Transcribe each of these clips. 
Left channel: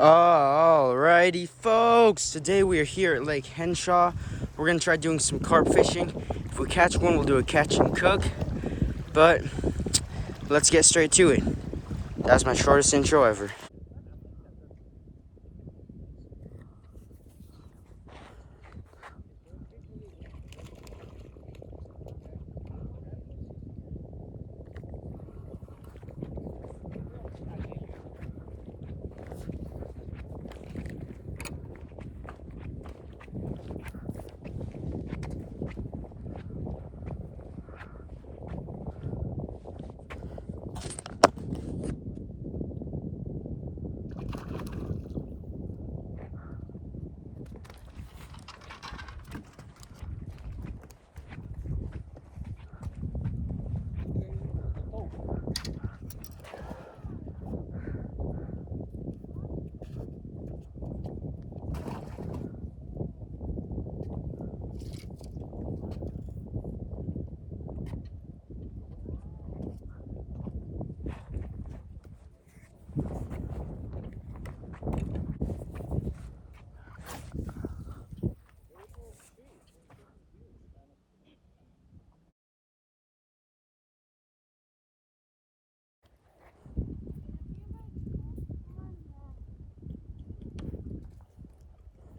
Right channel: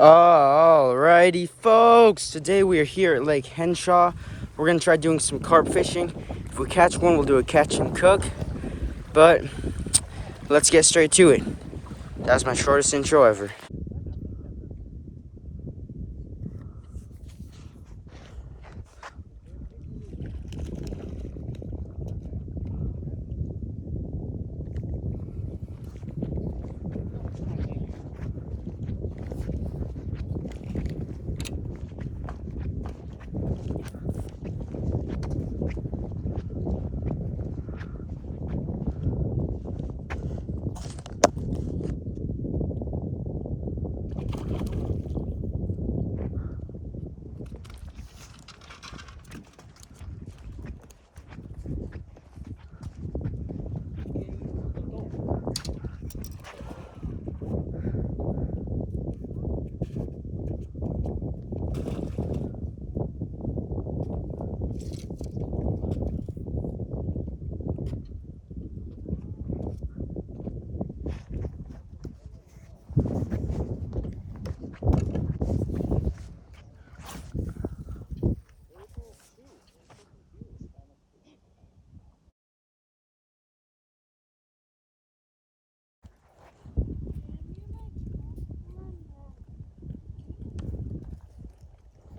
Alrighty, folks. Today we are here at Lake Henshaw. We're gonna try doing some carp fishing. If we catch one, we'll do a catch and cook. But let's get straight to it. That's my shortest intro ever.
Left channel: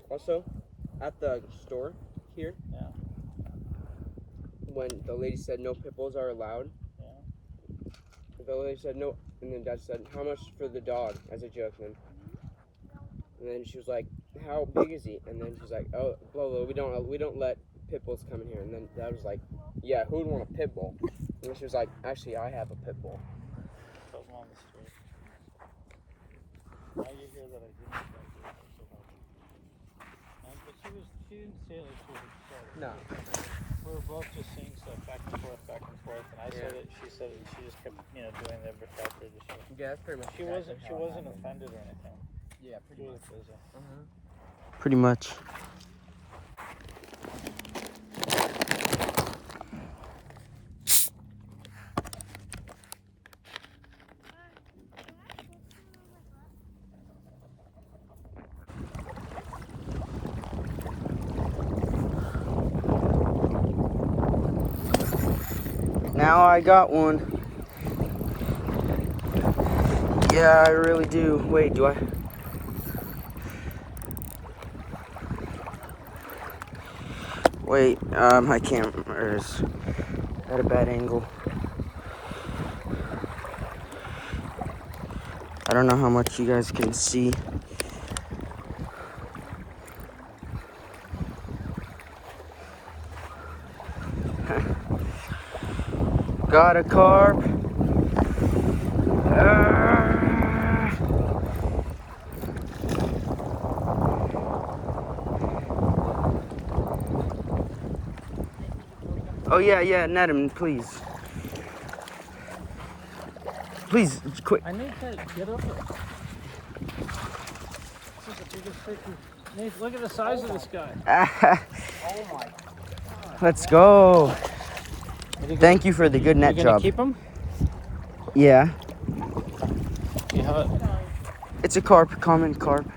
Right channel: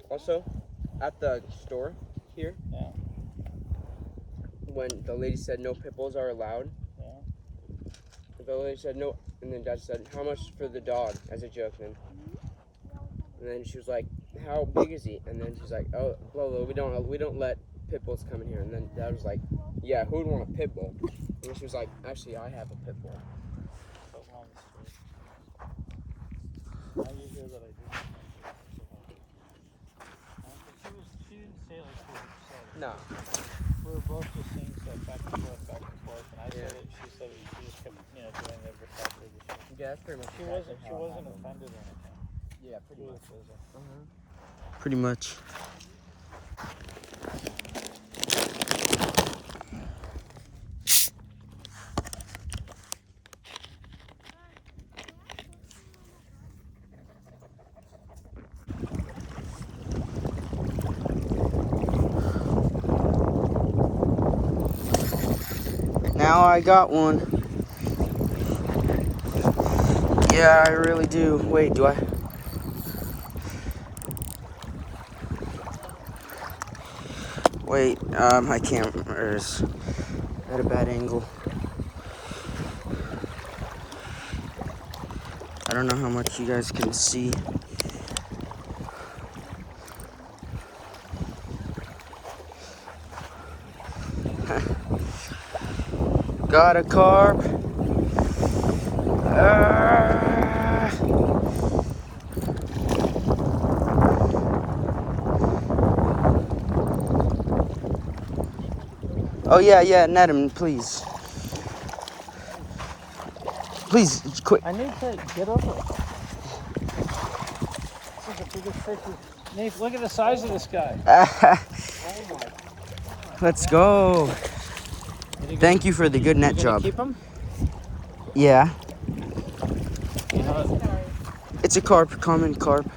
Also, at the store here, when the lady said no pit bulls are allowed, the lady said no, and then Dad said, "How much for the dog?" as a joke. And then she was like, "How big is he?" And then she's like, "Oh, blah blah. We don't let pit bulls come in here." And then Dad was like, "Yeah, who would want a pit bull?" And she was like, "Actually, I have a pit bull." She didn't say like she was upset. No. We were both just saying so back and forth, back and forth. And I said it, she said it, she just kept, doing the reflector. Yeah, that's pretty much. She wasn't offended or anything. Yeah, pretty much. Pretty much. Now I got one. Yeah, I really do. Wait, do I? Wait, my camera is at a bad angle. I don't know how much you guys can see. Got a carp. Oh yeah, net him, please. Please, quick. I need to get over it. This is the biggest fish. Nate, look at the size of this guy. Let's go. Thank you for the good net job. Keep him? Yeah. Yeah. It's a carp, common carp.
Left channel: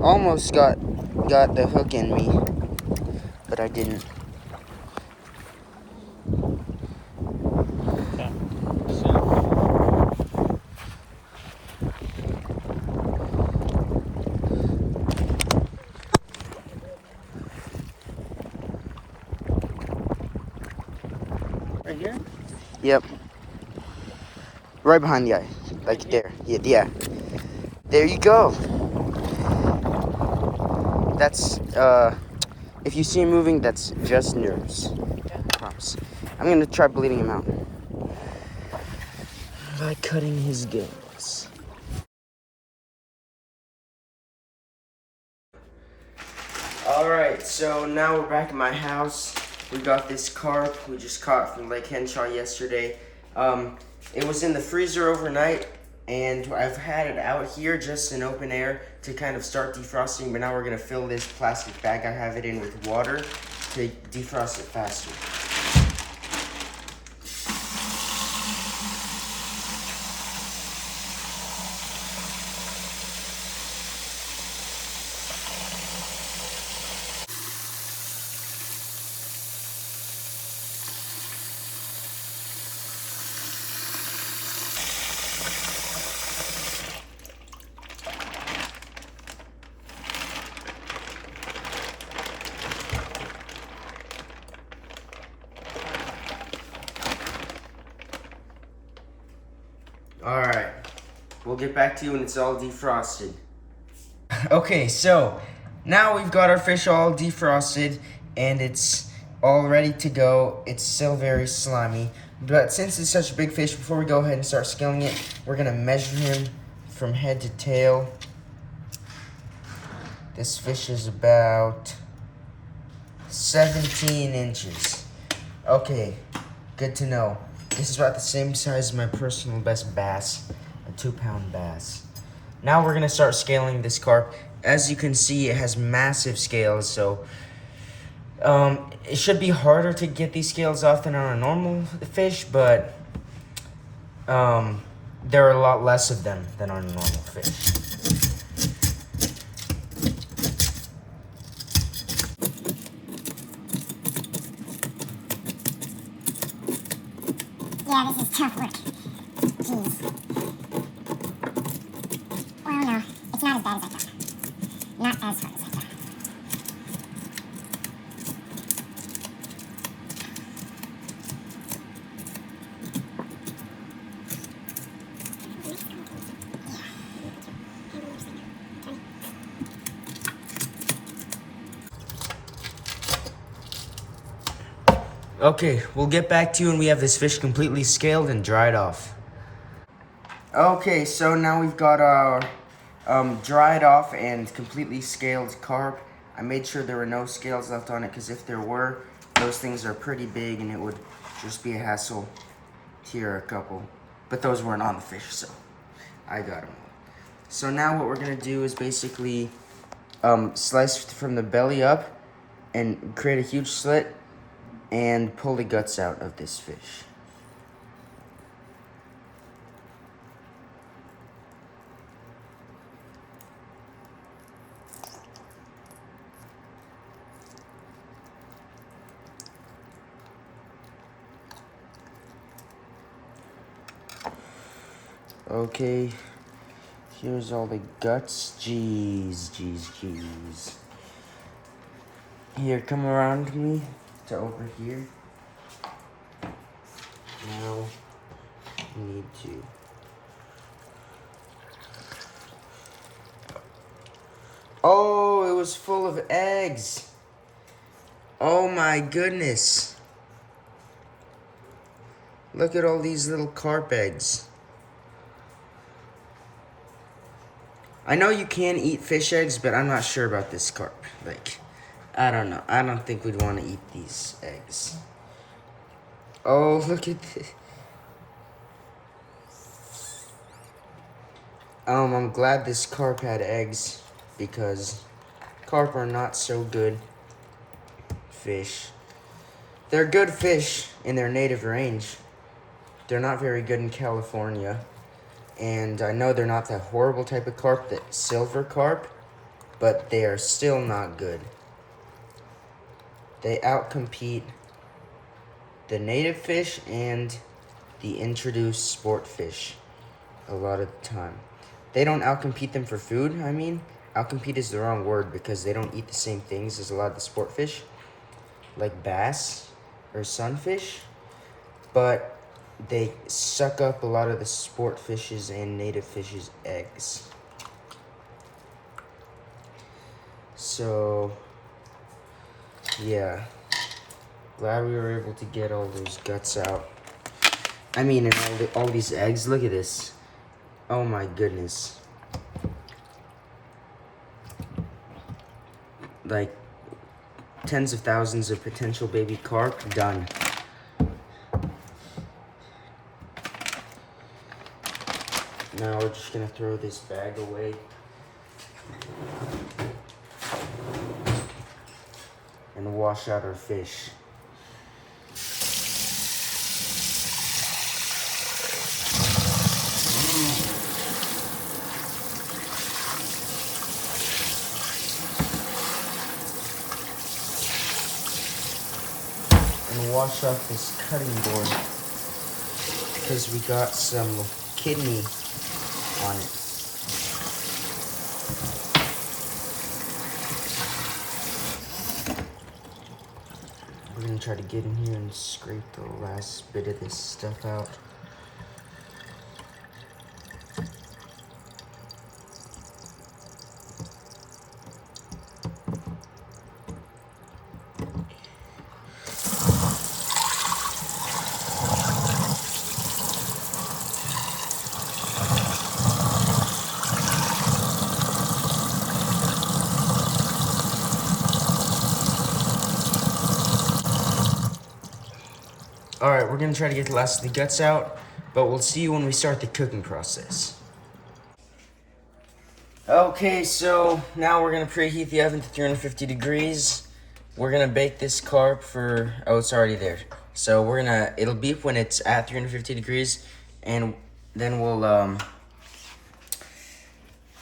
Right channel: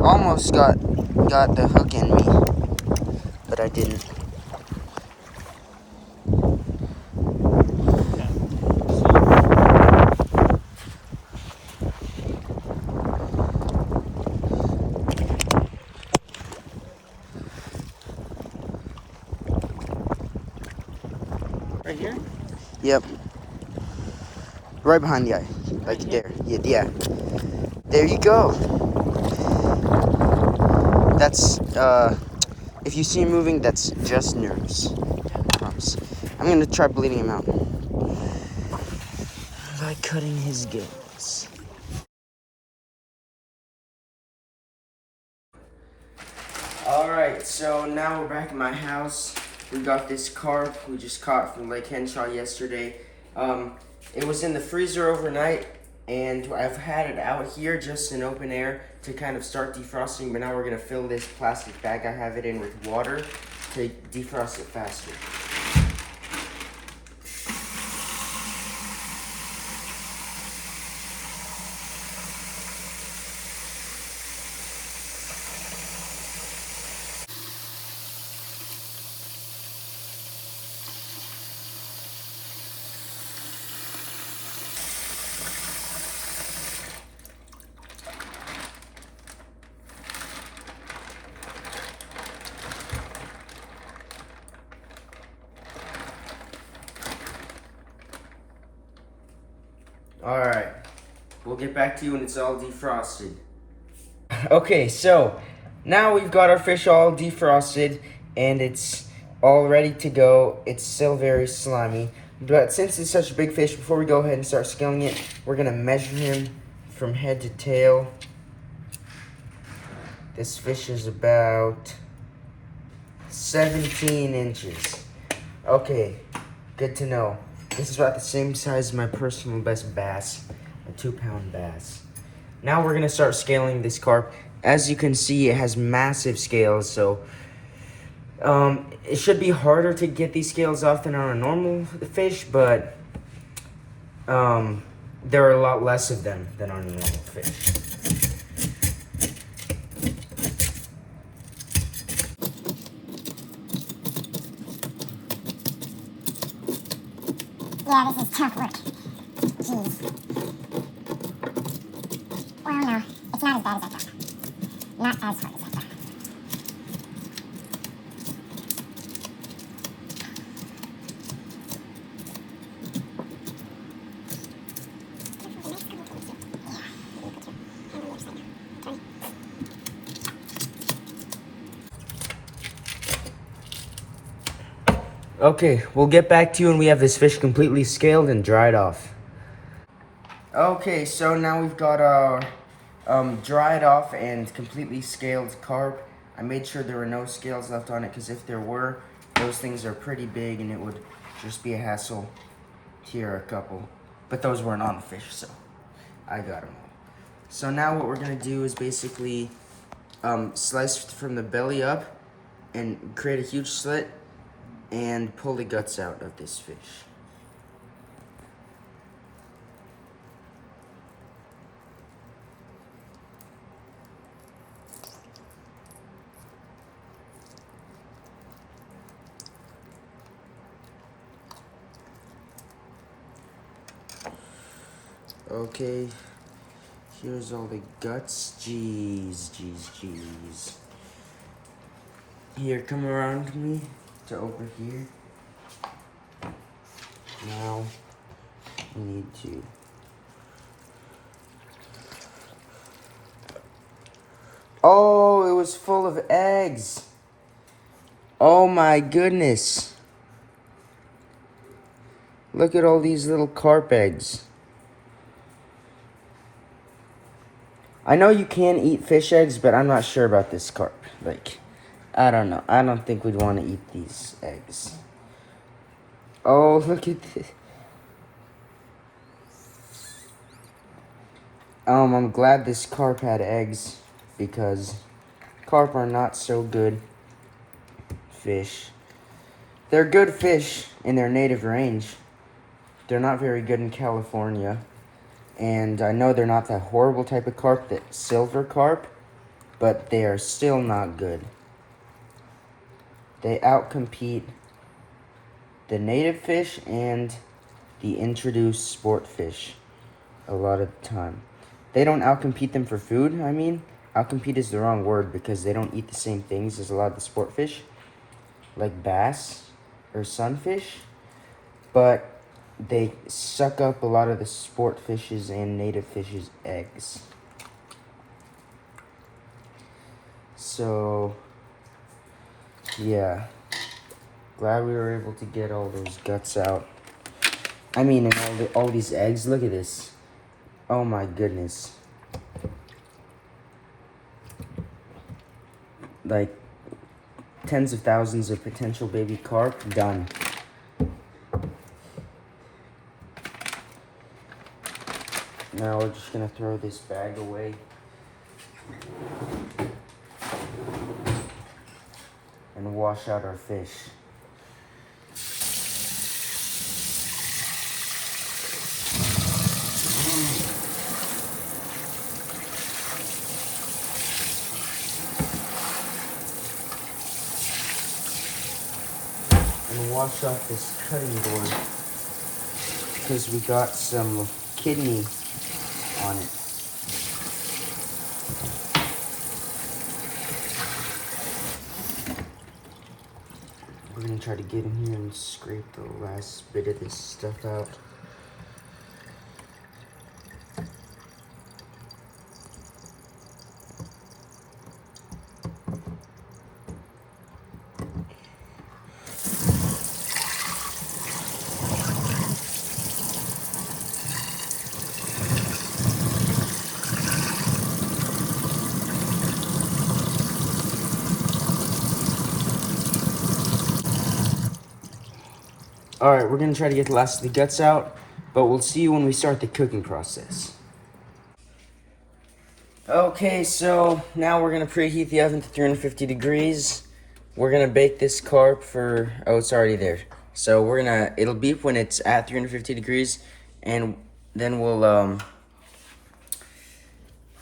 Almost got the hook in me, but I didn't. Right here? Yep. Right behind the eye. Like Right there. Yeah. There you go. That's, if you see him moving, that's just nerves. I promise. I'm gonna try bleeding him out by cutting his gills. Alright, so now we're back at my house. We got this carp we just caught from Lake Henshaw yesterday. It was in the freezer overnight, and I've had it out here just in open air to kind of start defrosting, but now we're gonna fill this plastic bag I have it in with water to defrost it faster. Alright, we'll get back to you when it's all defrosted. Okay, so now we've got our fish all defrosted and it's all ready to go. It's still very slimy, but since it's such a big fish, before we go ahead and start scaling it, we're gonna measure him from head to tail. This fish is about 17 inches. Okay, good to know. This is about the same size as my personal best bass, a 2-pound bass. Now we're gonna start scaling this carp. As you can see, it has massive scales, so it should be harder to get these scales off than on a normal fish, but there are a lot less of them than on a normal fish. Yeah, this is tough work. Jeez. Well, no, it's not as bad as I thought. Not as hard as I thought. Okay, we'll get back to you when we have this fish completely scaled and dried off. Okay, so now we've got our dried off and completely scaled carp. I made sure there were no scales left on it because if there were, those things are pretty big and it would just be a hassle to tear a couple. But those weren't on the fish, so I got them all. So now what we're gonna do is basically slice from the belly up and create a huge slit and pull the guts out of this fish. Okay, here's all the guts. Jeez. Here, come around me to over here. Now, you need to oh, it was full of eggs. Oh my goodness. Look at all these little carp eggs. I know you can eat fish eggs, but I'm not sure about this carp. Like, I don't know. I don't think we'd want to eat these eggs. Oh, look at this. I'm glad this carp had eggs because carp are not so good fish. They're good fish in their native range. They're not very good in California. And I know they're not that horrible type of carp, that silver carp, but they are still not good. They outcompete the native fish and the introduced sport fish a lot of the time. They don't outcompete them for food, I mean. Outcompete is the wrong word because they don't eat the same things as a lot of the sport fish, like bass or sunfish, but they suck up a lot of the sport fishes and native fishes' eggs. So, yeah. Glad we were able to get all those guts out. I mean, and all these eggs. Look at this. Oh my goodness. Like, tens of thousands of potential baby carp done. Now we're just gonna throw this bag away. And wash out our fish. And wash off this cutting board because we got some kidney on it. We're gonna try to get in here and scrape the last bit of this stuff out. Alright, we're gonna try to get the last of the guts out, but we'll see you when we start the cooking process. Okay, so now we're gonna preheat the oven to 350 degrees. We're gonna bake this carp for, oh, it's already there. So it'll beep when it's at 350 degrees, and then we'll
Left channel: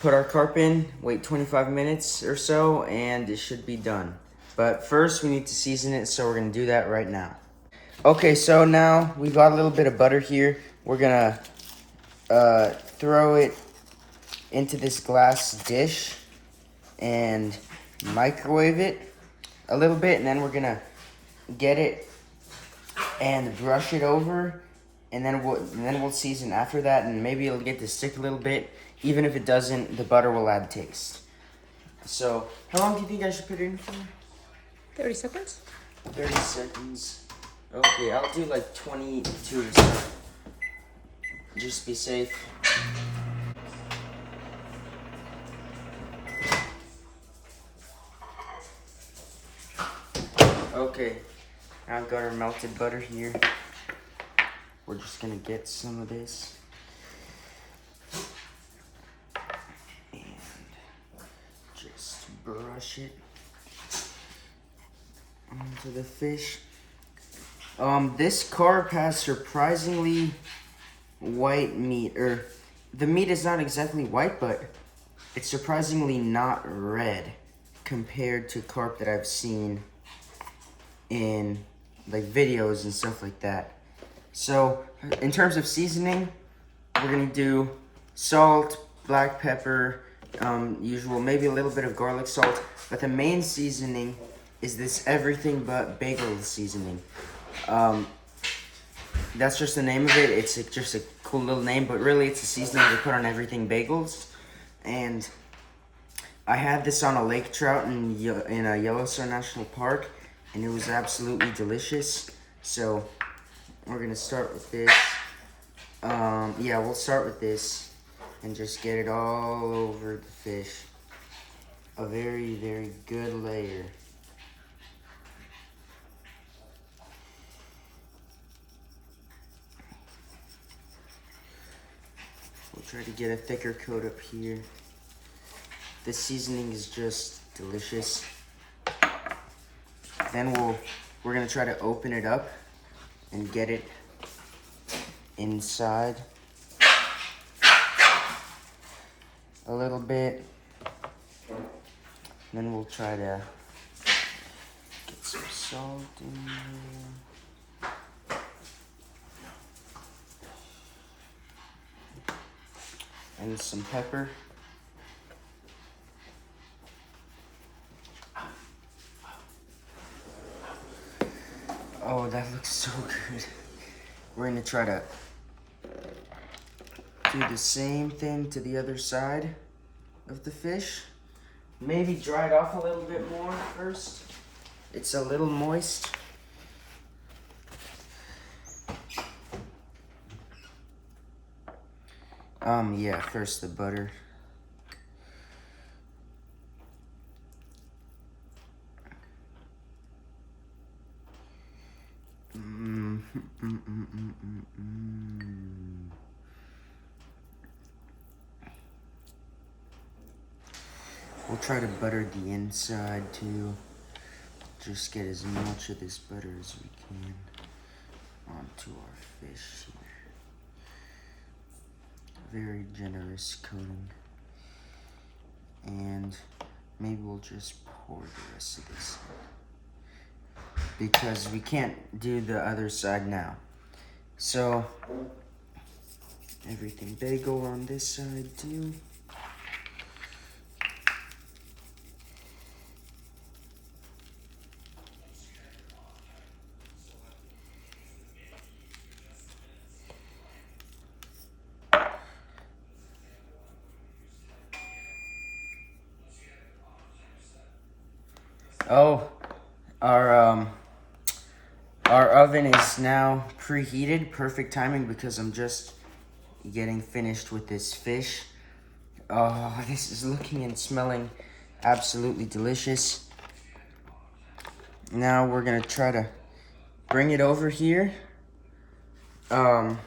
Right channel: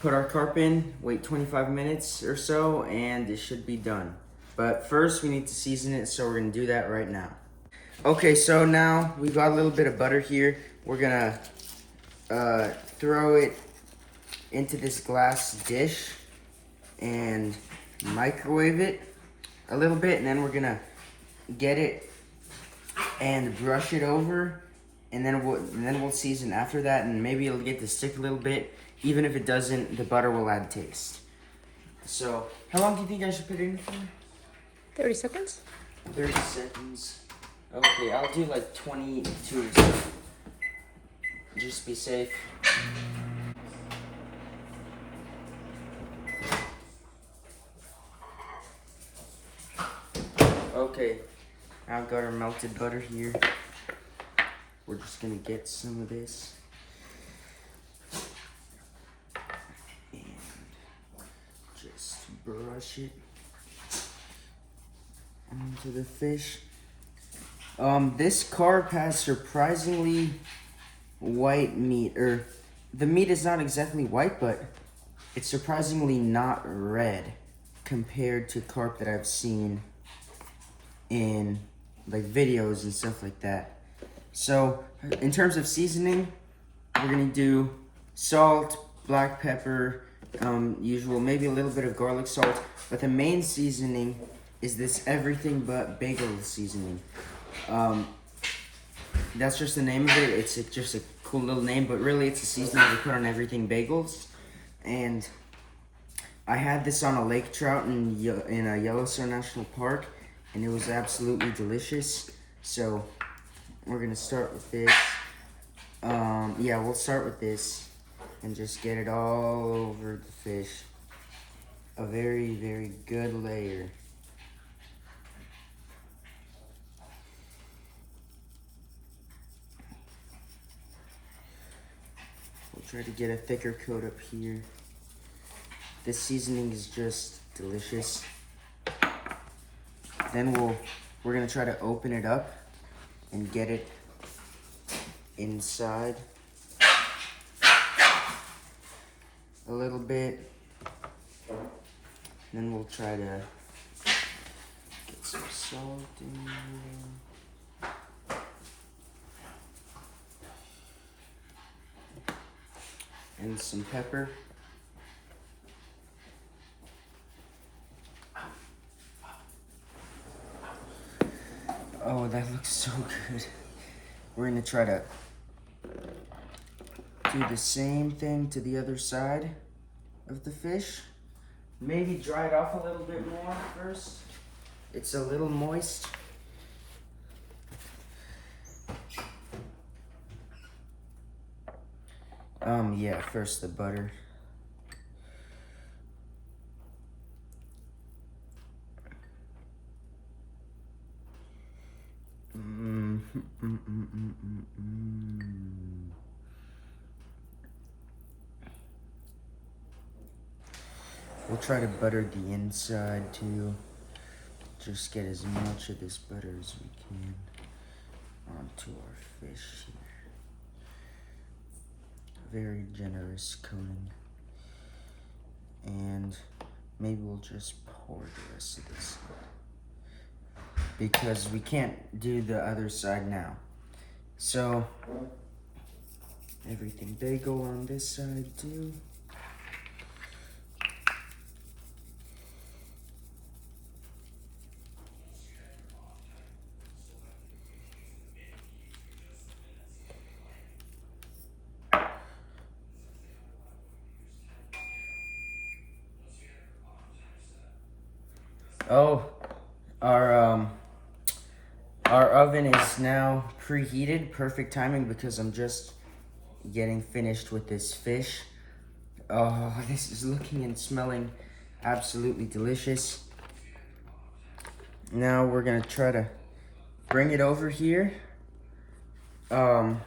put our carp in, wait 25 minutes or so, and it should be done. But first we need to season it, so we're gonna do that right now. Okay, so now we got a little bit of butter here. We're gonna throw it into this glass dish and microwave it a little bit, and then we're gonna get it and brush it over, and then we'll season after that, and maybe it'll get to stick a little bit. Even if it doesn't, the butter will add taste. So, how long do you think I should put it in for? 30 seconds? 30 seconds. Okay, I'll do like 22 to start. Just be safe. Okay, I've got our melted butter here. We're just gonna get some of this. And just brush it onto the fish. This carp has surprisingly white meat, or the meat is not exactly white, but it's surprisingly not red compared to carp that I've seen in like videos and stuff like that. So in terms of seasoning, we're gonna do salt, black pepper, usual, maybe a little bit of garlic salt, but the main seasoning is this everything but bagel seasoning. That's just the name of it. It's just a cool little name, but really it's a seasoning they put on everything bagels. And I had this on a lake trout in Yellowstone National Park, and it was absolutely delicious. So we're gonna start with this. Yeah, we'll start with this and just get it all over the fish. A very, very good layer. We'll try to get a thicker coat up here. This seasoning is just delicious. Then we're gonna try to open it up and get it inside a little bit. Then we'll try to get some salt in there. And some pepper. Oh, that looks so good. We're gonna try to do the same thing to the other side of the fish. Maybe dry it off a little bit more first. It's a little moist. Yeah, first the butter. We'll try to butter the inside too. Just get as much of this butter as we can onto our fish here. Very generous coating. And maybe we'll just pour the rest of this in, because we can't do the other side now. So everything bagel on this side too. Oh, our oven is now preheated. Perfect timing because I'm just getting finished with this fish. Oh, this is looking and smelling absolutely delicious. Now we're gonna try to bring it over here And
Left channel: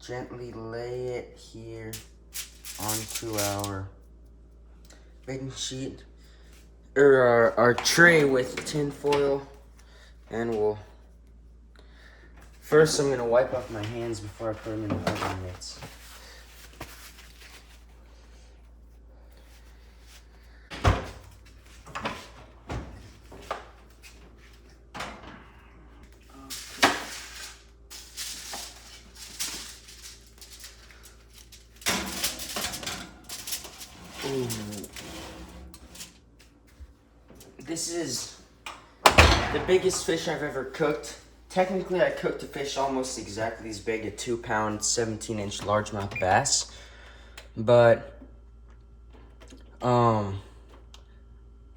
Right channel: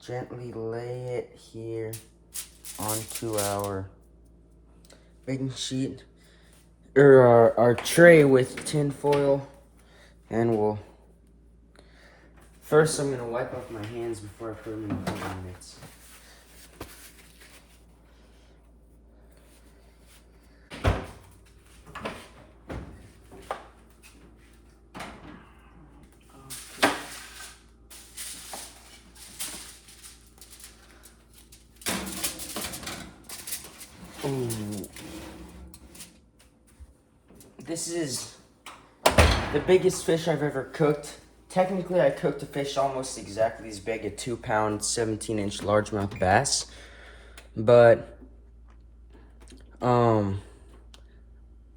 gently lay it here onto our baking sheet or our tray with tin foil, and we'll first I'm gonna wipe off my hands before I put them in the oven mitts. Ooh. This is the biggest fish I've ever cooked. Technically, I cooked a fish almost exactly as big, a 2-pound, 17-inch largemouth bass. But, I'm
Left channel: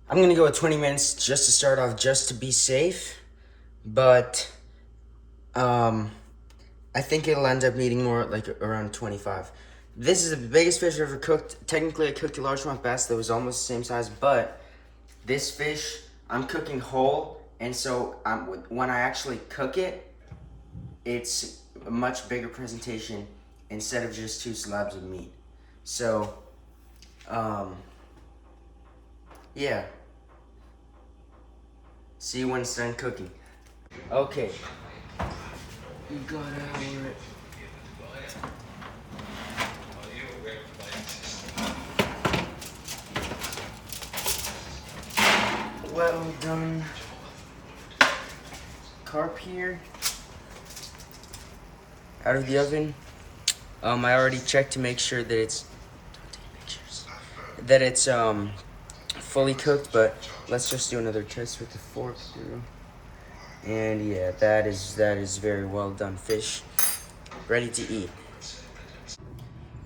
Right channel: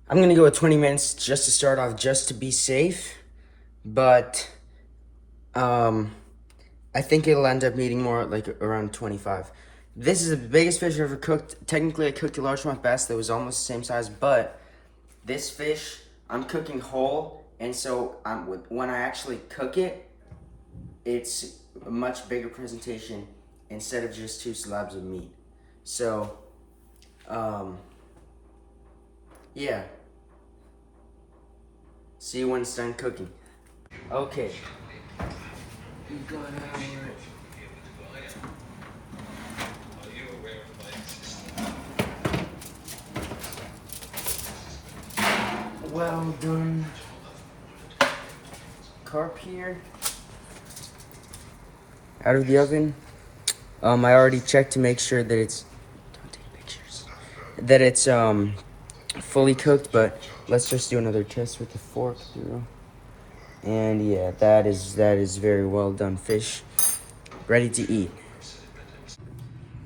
gonna go with 20 minutes just to start off, just to be safe. But, I think it'll end up needing more, like around 25. This is the biggest fish I've ever cooked. Technically, I cooked a largemouth bass that was almost the same size, but this fish, I'm cooking whole, and so when I actually cook it, it's a much bigger presentation instead of just 2 slabs of meat. So, yeah. See you when it's done cooking. Okay. We got our... well done carp here out of the oven. I already checked to make sure that it's fully cooked, but let's just do another test with the fork through. And yeah, that is very well done fish, ready to eat.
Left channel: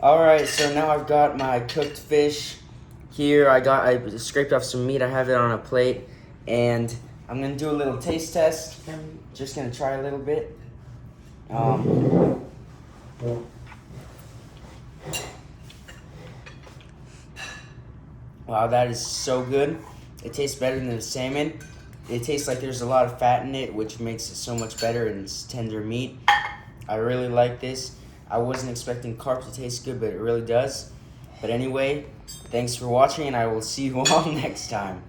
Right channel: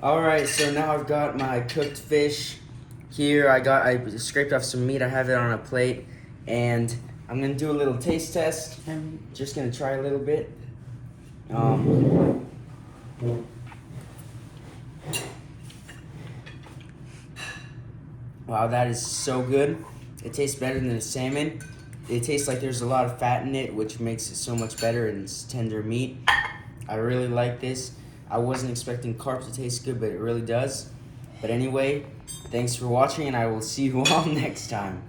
All right, so now I've got my cooked fish here. I scraped off some meat. I have it on a plate, and I'm gonna do a little taste test. I'm just gonna try a little bit. Wow, that is so good. It tastes better than the salmon. It tastes like there's a lot of fat in it, which makes it so much better, and it's tender meat. I really like this. I wasn't expecting carp to taste good, but it really does. But anyway, thanks for watching, and I will see you all next time.